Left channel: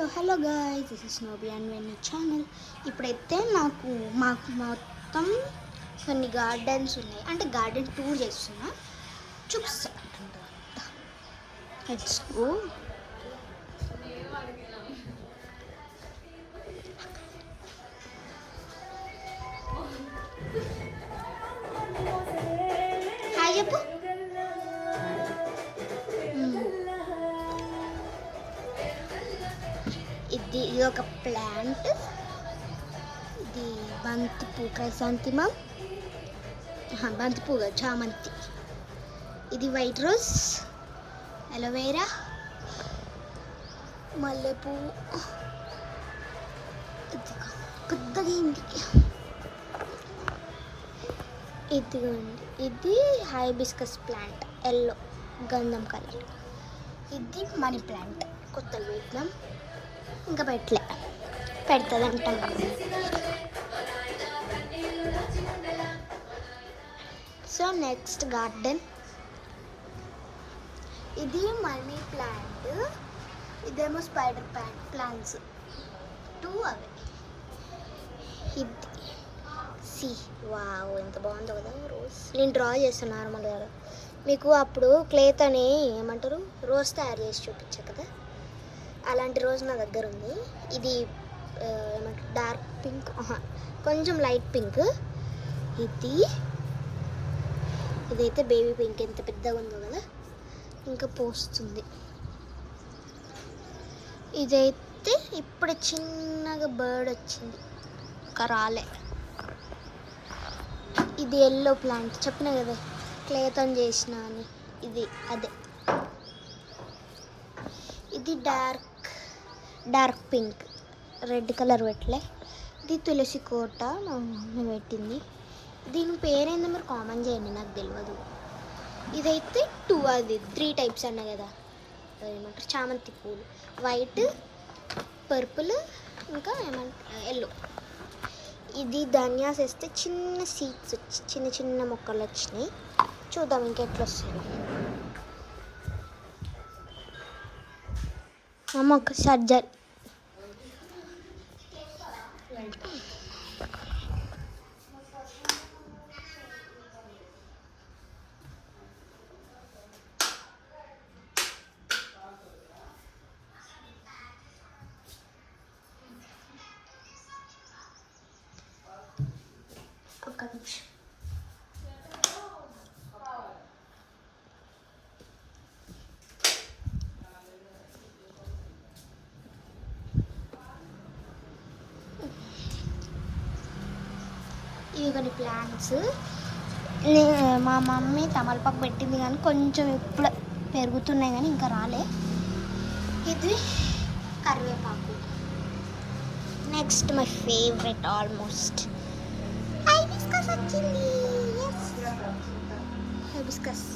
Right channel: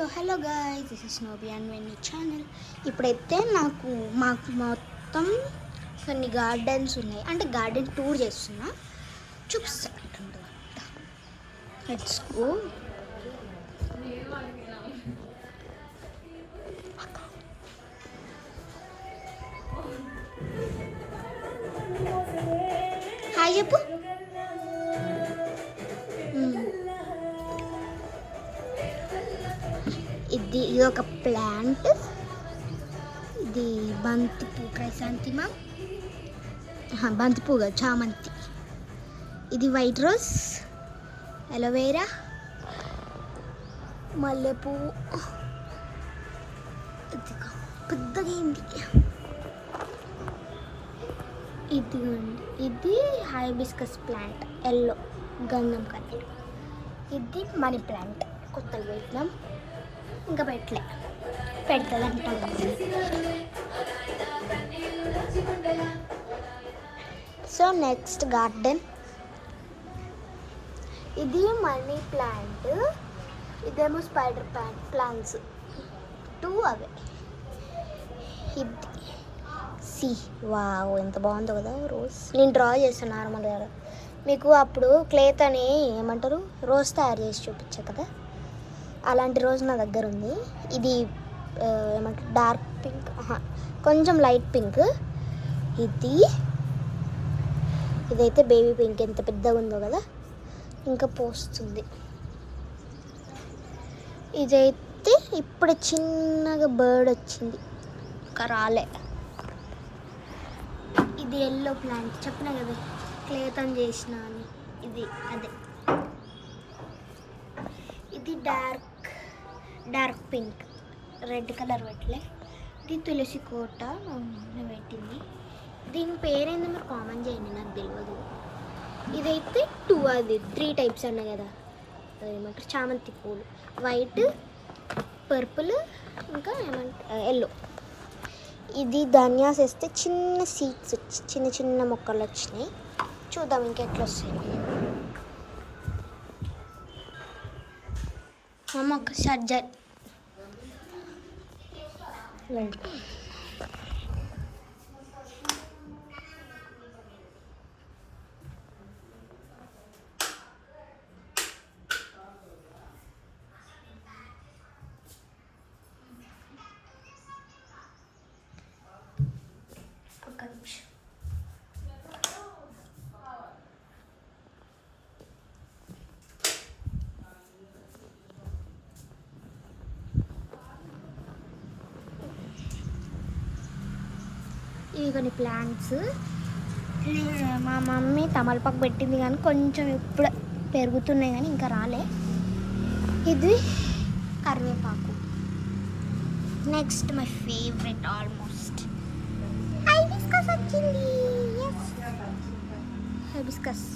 So hello guys, this is నోబీ and వెన్నీ channel. ఇప్పుడైతే మాకు మొత్తం కొన్ని గార్డెన్స్ ఉన్నాయి, అంటే గార్డెన్ టూర్ చేస్తున్నా. చూపిస్తా. Let's go. హాయ్ చెప్పు. ఇది ఒక ప్లాంట్. ఇది బంతిపూ, క్రైసాంతిమం, బంతిపూ చామంతి. ఇది వైట్ రోజ్, అలోవేరా, మల్లెపూ. పెద్దగా ఇదిగోండి, ఇది హైబిస్కస్ ప్లాంట్, ఎల్లో గంధం కలర్. ఇది మనీ ప్లాంట్, కొత్తగా పెట్టినాం, ఇంకా పెడుతుందంట. సో నెక్స్ట్ గార్డెన్, ఇది మనీ ప్లాంట్, ఇదేమో స్పైడర్ ప్లాంట్స్ టూ అవే. ఇది వావ్, ఎంత బాగుందో కదా రోజ్. నేను డ్రా చేస్తాను నార్మల్గా. మీకు అప్పుడు క్లేతోని ఏమంటారు, రోజ్ తయారు చేసి చూపించా కదా, అలాంటి రోజ్ నా దగ్గర ఉంది. ఇది ఏమంటారు, డార్క్ పింక్, కొంచెం లైట్ పింక్. ఇదైతే బేబీ పింక్, ఎంత పెద్దగా ఉందో కదా, ఇంకా పోస్తుంది. ఇదైతే ఇప్పుడు చిన్నగా బర్డ్ వచ్చింది, ఇంకా రాలే. ఇది ఎల్లో ప్లాంట్, చెప్పినా కదా క్లేతో చేసిన అని. ఇది అదే. ఇది డార్క్ పింక్, రెడ్ కలర్ పెట్టలే. ఇది తులసి కోట మమ్మీ పెట్టింది. దీని పేరేందో మీరు కామెంట్ చేయండి, నాకు తెలియదు. ఇదైతే అది 3 టైప్స్ అన్నా కదా, ఏమంటారు, చామంతి పూలు, వైట్, పర్పుల్, ఇంకా ఏమంటారు ఎల్లో. ఇది ధనియాస్ వేస్తే చిన్న సీడ్స్ వచ్చి చిన్న మొక్కలు వచ్చినాయి. చూద్దాం ఇంకెట్లా వస్తుంది. ఒక సర్జరీ ఒక్క నిమిషం. ఇవి కొన్ని ప్లాంట్స్. మా మమ్మీ తమలపాకు పెట్టింది, కానీ కొంచెం ఇప్పుడు పెరుగుతున్నాయి, కానీ ఇంకా రాలే. ఇది కరివేపాకు. Next my favourite almost, hibiscus వచ్చింది. హైబిస్కస్